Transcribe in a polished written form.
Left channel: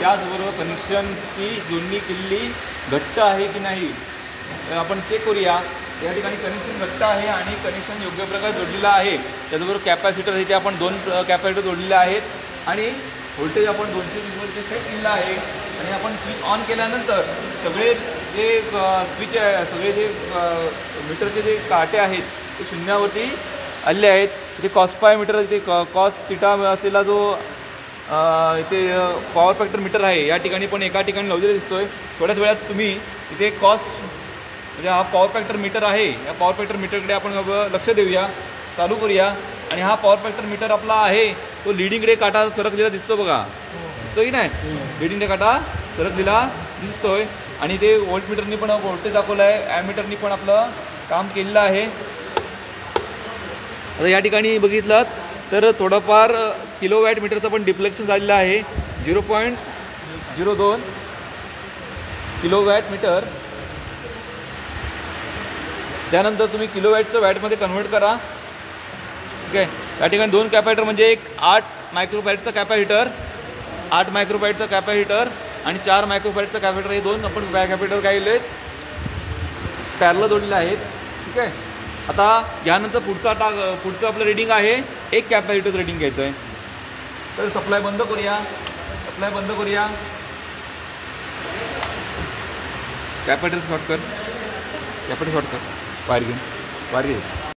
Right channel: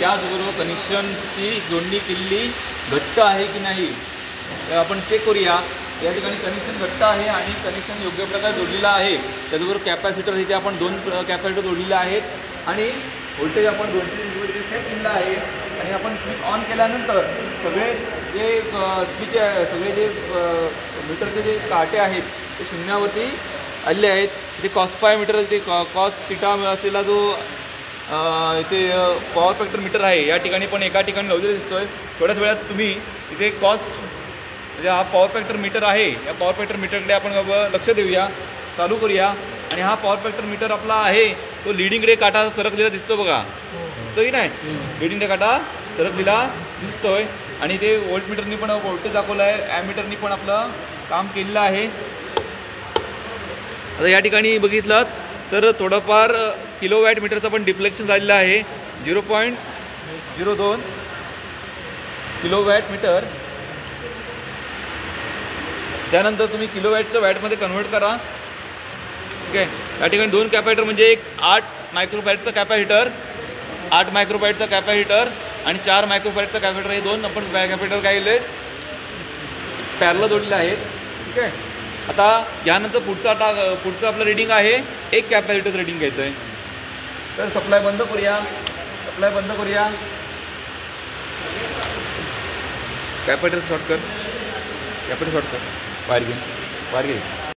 त्याचबरोबर कनेक्शनची जोडणी केलेली घट्ट आहे की नाही तर आपण चेक करूया। या ठिकाणी कनेक्शन घट्ट आहे आणि कनेक्शन योग्य प्रकारे जोडलेलं आहे। त्याचबरोबर कॅपॅसिटर इथे आपण 2 कॅपॅसिटर जोडलेले आहेत आणि व्होल्टेज आपण 220 इथे सेट केलेलं आहे। आणि आपण स्विच ऑन केल्यानंतर सगळे जे स्विच आहे सगळे जे मीटरचे जे काटे आहेत ते शून्यावरती आलेले आहेत। इथे कॉस मीटर इथे कॉस थिटा असलेला जो इथे पॉवर फॅक्टर मीटर आहे या ठिकाणी पण एका ठिकाणी लावलेला दिसतोय। थोड्याच वेळात तुम्ही इथे कॉस म्हणजे हा पॉवर फॅक्टर मीटर आहे या पॉवर फॅक्टर मीटरकडे आपण लक्ष देऊया, चालू करूया। आणि हा पॉवर फॅक्टर मीटर आपला आहे तो लिडिंगकडे काटा सरकलेला दिसतो बघा, दिसतोय की नाही? लिडिंगकडे काटा सरकलेला दिसतोय आणि ते व्होल्ट मीटरनी पण व्होल्टेज दाखवलं आहे, ॲमीटरनी पण आपलं काम केलेलं आहे। आता या ठिकाणी बघितलं तर थोडंफार किलोवॅट मीटरचं पण डिफ्लेक्शन झालेलं आहे 0.02 किलोवॅट मीटर। त्यानंतर तुम्ही किलोवॅटचं वॅटमध्ये कन्वर्ट करा, ठीक आहे। या ठिकाणी 2 कॅपॅसिटर म्हणजे एक 8 मायक्रोफॅरडचं कॅपॅसिटर, 8 मायक्रोफॅरडचं कॅपॅसिटर आणि 4 मायक्रोफॅरडचं कॅपॅसिटर, हे 2 आपण कॅपॅसिटर काय केले पॅरलल जोडलेले आहेत, ठीक आहे। आता यानंतर पुढचं आपलं रीडिंग आहे 1 कॅपॅसिटर रीडिंग घ्यायचं आहे। तर सप्लाय बंद करूया, कॅपॅसिटर शॉर्ट कर, वायर घे।